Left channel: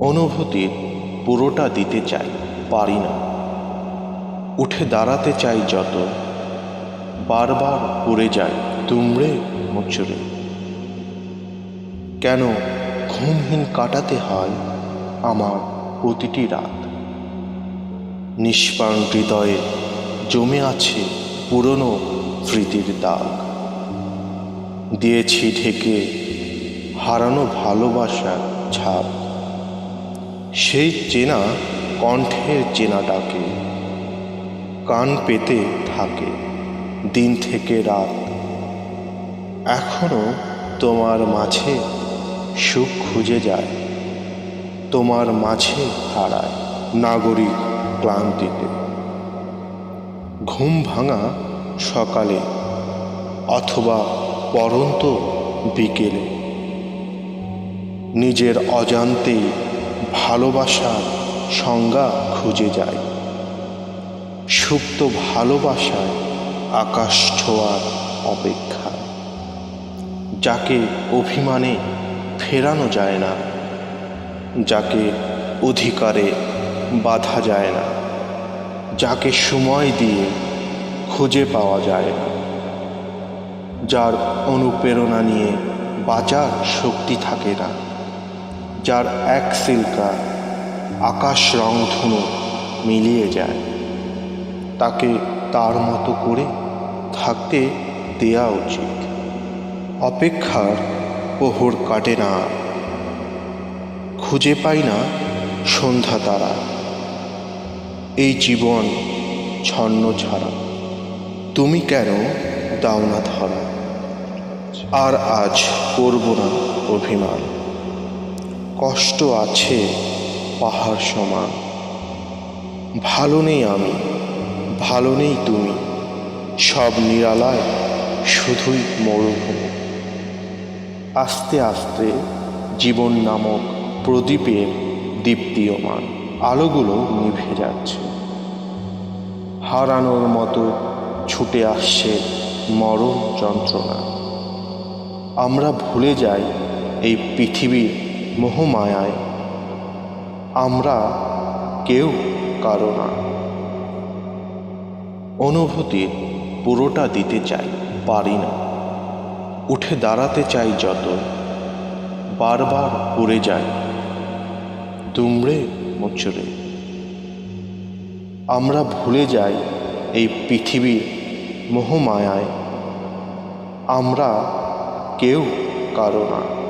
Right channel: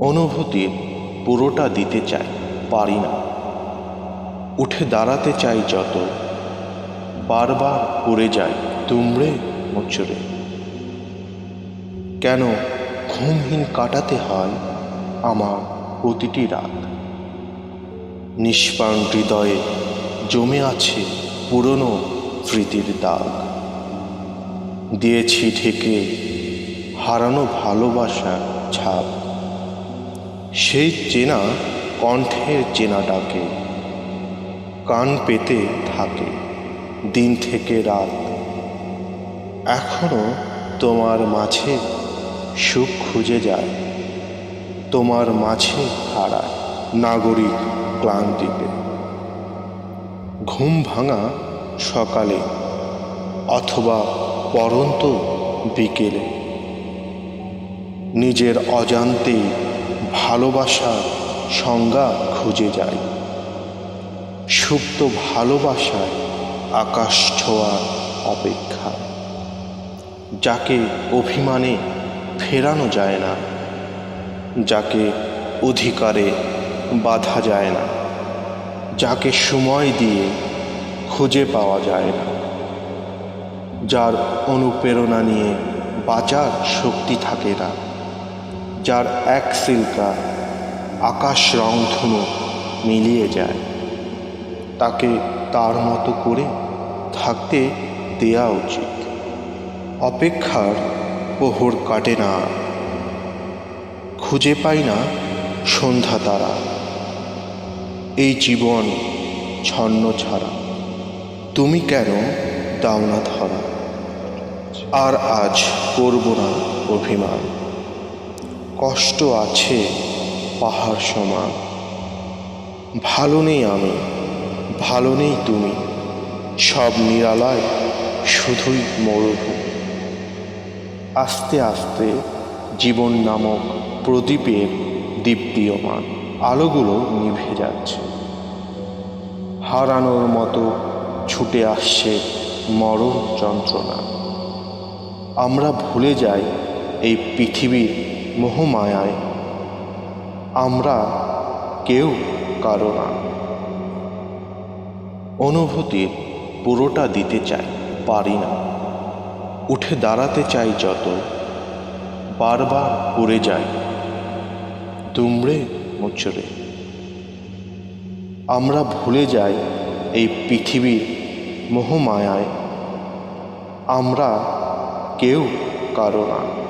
অনুভূতির পুরোটা দিতে চাই, পারি না। উঠে দাঁড়াতে চাই যত, বারবার উড়ে যাই দুমড়ে মুচড়ে। কেন ঘুমহীন কাটাতে হয় আমার প্রতিটি রাত? নিষ্প্রাণ হৃদয়ে জমে আছে পুরনো স্মৃতির দাগ। দিয়েছি ঢেকে হারানো ভালোবাসার ছাপ। সেই চেনা কণ্ঠের চেনাটাকে কান পেতে থাকে দিন থেকে রাত। এখনো তোমার মাঝে সুখ খুঁজে যায়, তোমার মাঝে হারায় নাগরিক ক্লান্তিতে। ঘুম ভাঙা সকালে অথবা পরন্ত বিকেলে নিজের অজান্তেই ভালোবাসার সংজ্ঞা খুঁজে যায়। সুপ্ত ভালোবাসায় আকাশ ছোঁয়ার অপেক্ষায়, যাকে অভিমানে ফেরানো যায় না, যাকে অধিকারে বাধা যায় না, যাকে সময় দিয়ে খুঁজে পাওয়া যায় না, যার অনুপ্রেরণা নিয়ে বাঁচার শক্তি থাকে না, যার এক সিলকা আকাশ রংধনু মিলিয়ে যায়, তাকে তার মতো করে থাকতে দেয়া উচিত। অপেক্ষার প্রহর কাটে না, খুঁজে পাই না সন্ধ্যা তারা। এই জীবন ছন্ন ছাড়া তুমি কেন দাও না ধরা? আর আজ করব না অভিমান, কষ্ট আছে পাহাড় সমান। ভালো নেই আমি, ভালো নেই তুমি, সব নিরালায় শুধুই মরুভূমি। আস্তে আস্তে জীবন নামক প্রদীপের দীপ্তিয়মান আলোগুলো নিভে যাচ্ছে। হারানোর মতো ছুটে আসছে মরণ যন্ত্রণা। আমরা ভুলে যাই এই পৃথিবীর মোহমায়ায় আমরা কেউ কারো না। অনুভূতির পুরোটা দিতে চাই, পারি না। উঠে দাঁড়াতে চাই যত, বারবার উড়ে যাই দুমড়ে মুচড়ে। আমরা ভুলে যাই এই পৃথিবীর মোহমায়ায় আমরা কেউ কারো না।